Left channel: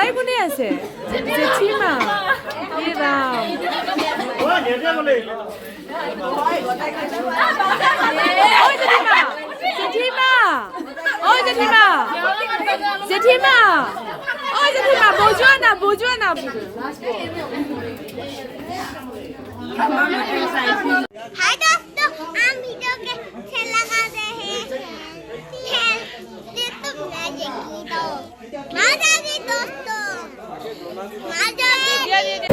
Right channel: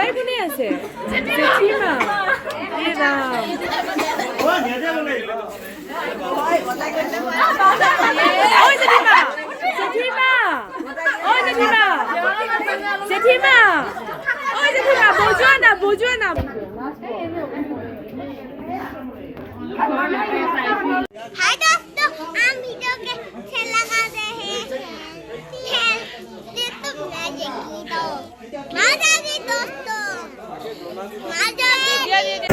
সবাই মনে আছে জেঠিমা এ রাম ওই জেঠিমা জেঠিমা ওই জেঠিমা জেঠিমা ওই জেঠিমা বুঝো না हाय दोस्तों हम वीडियो के खेल लगा रहे हैं खेलते तो मजे की तो मजा की दोस्तों मजा की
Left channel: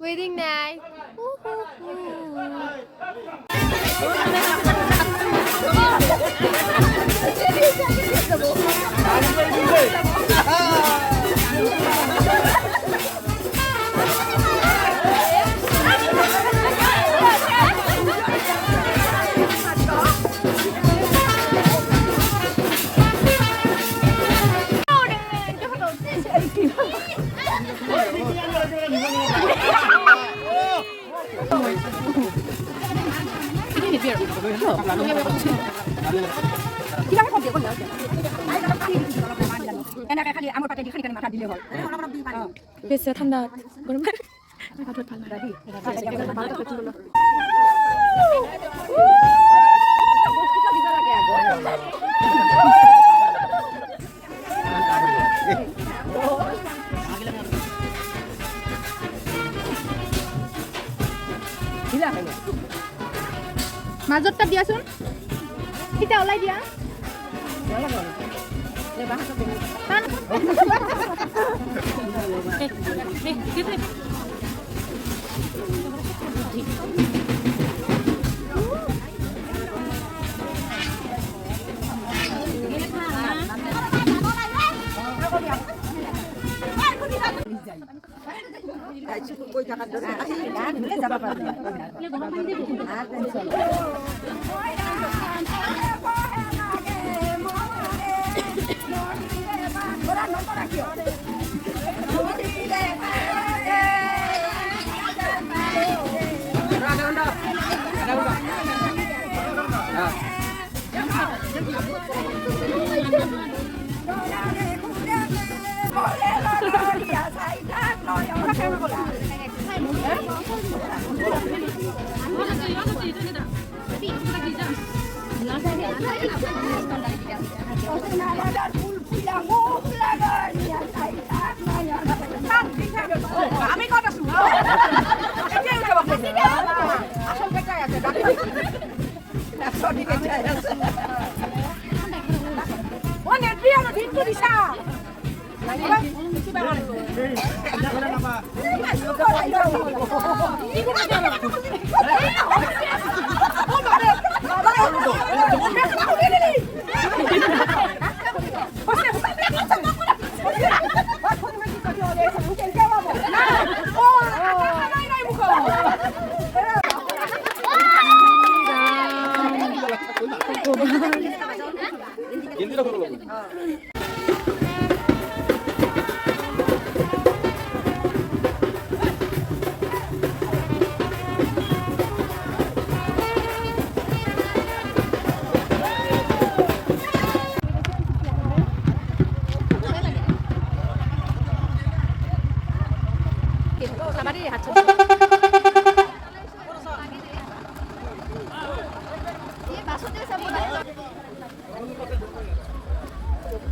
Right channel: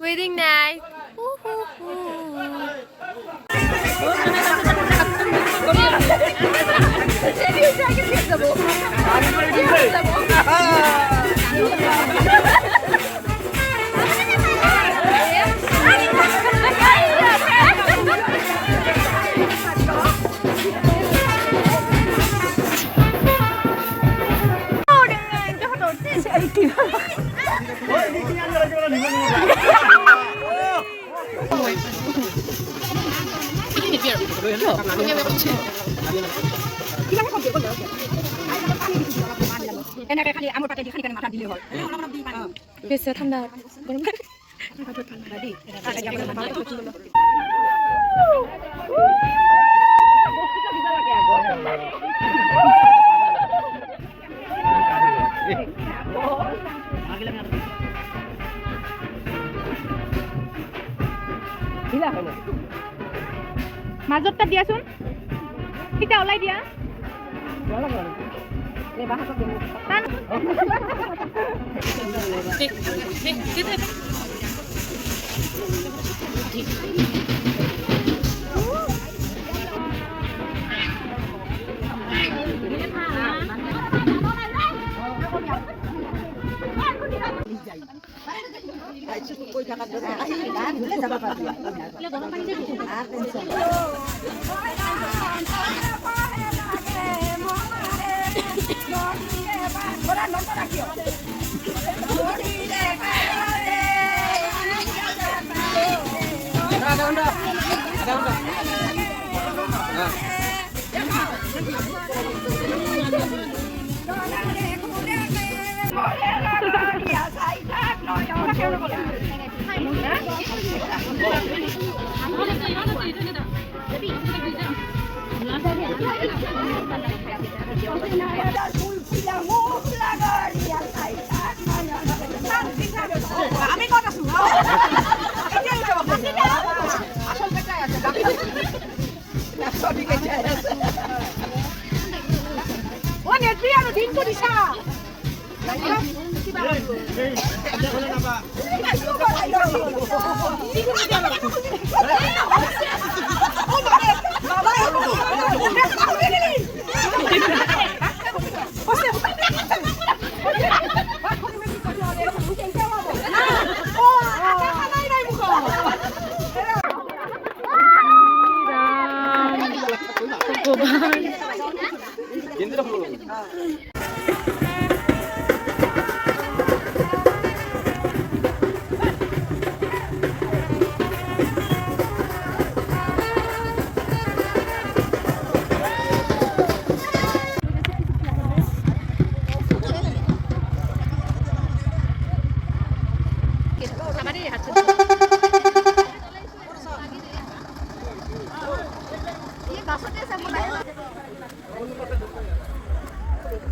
Wedding night. Biasa ঠান্ডা গরম মাজতটা দিয়াচোন সিটা ওলাই দিয়া আমি কত আছো ও নেত্রী আর দিন তো দিশা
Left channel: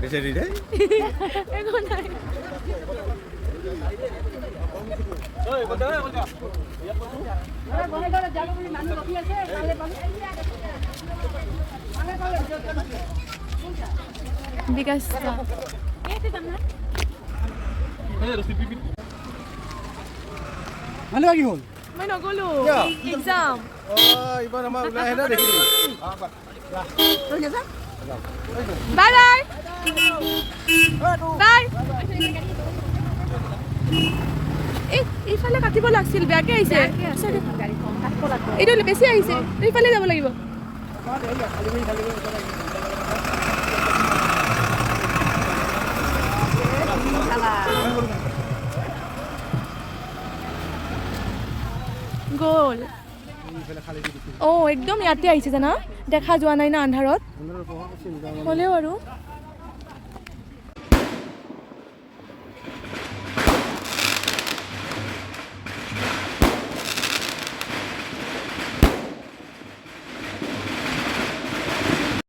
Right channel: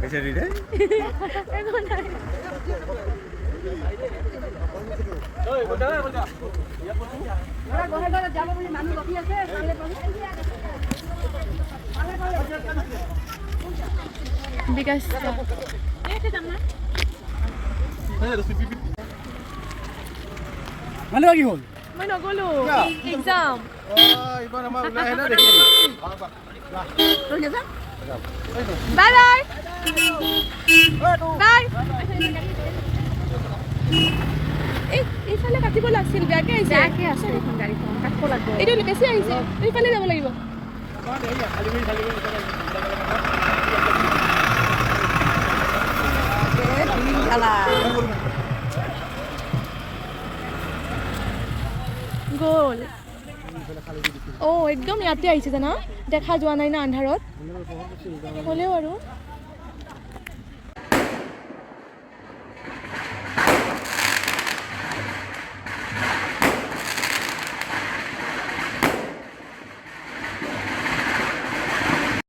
বেচারি রে এখন নাই বিকাশ মানে কি হল মই নগলো এক্সাম ইমান আমাৰ ওলাই আহিলে দেখি বাই বাই বাই এইফালে কাটিব লাগিছিল বেয়াকে আহিছে এইটো বেছি আহিছে এইফালে যাব লাগিব গ'ল একদম ইয়াতে আহিছে জানা দেখা যোৱা নাই না আন্ধাৰত হ'লেও আৰু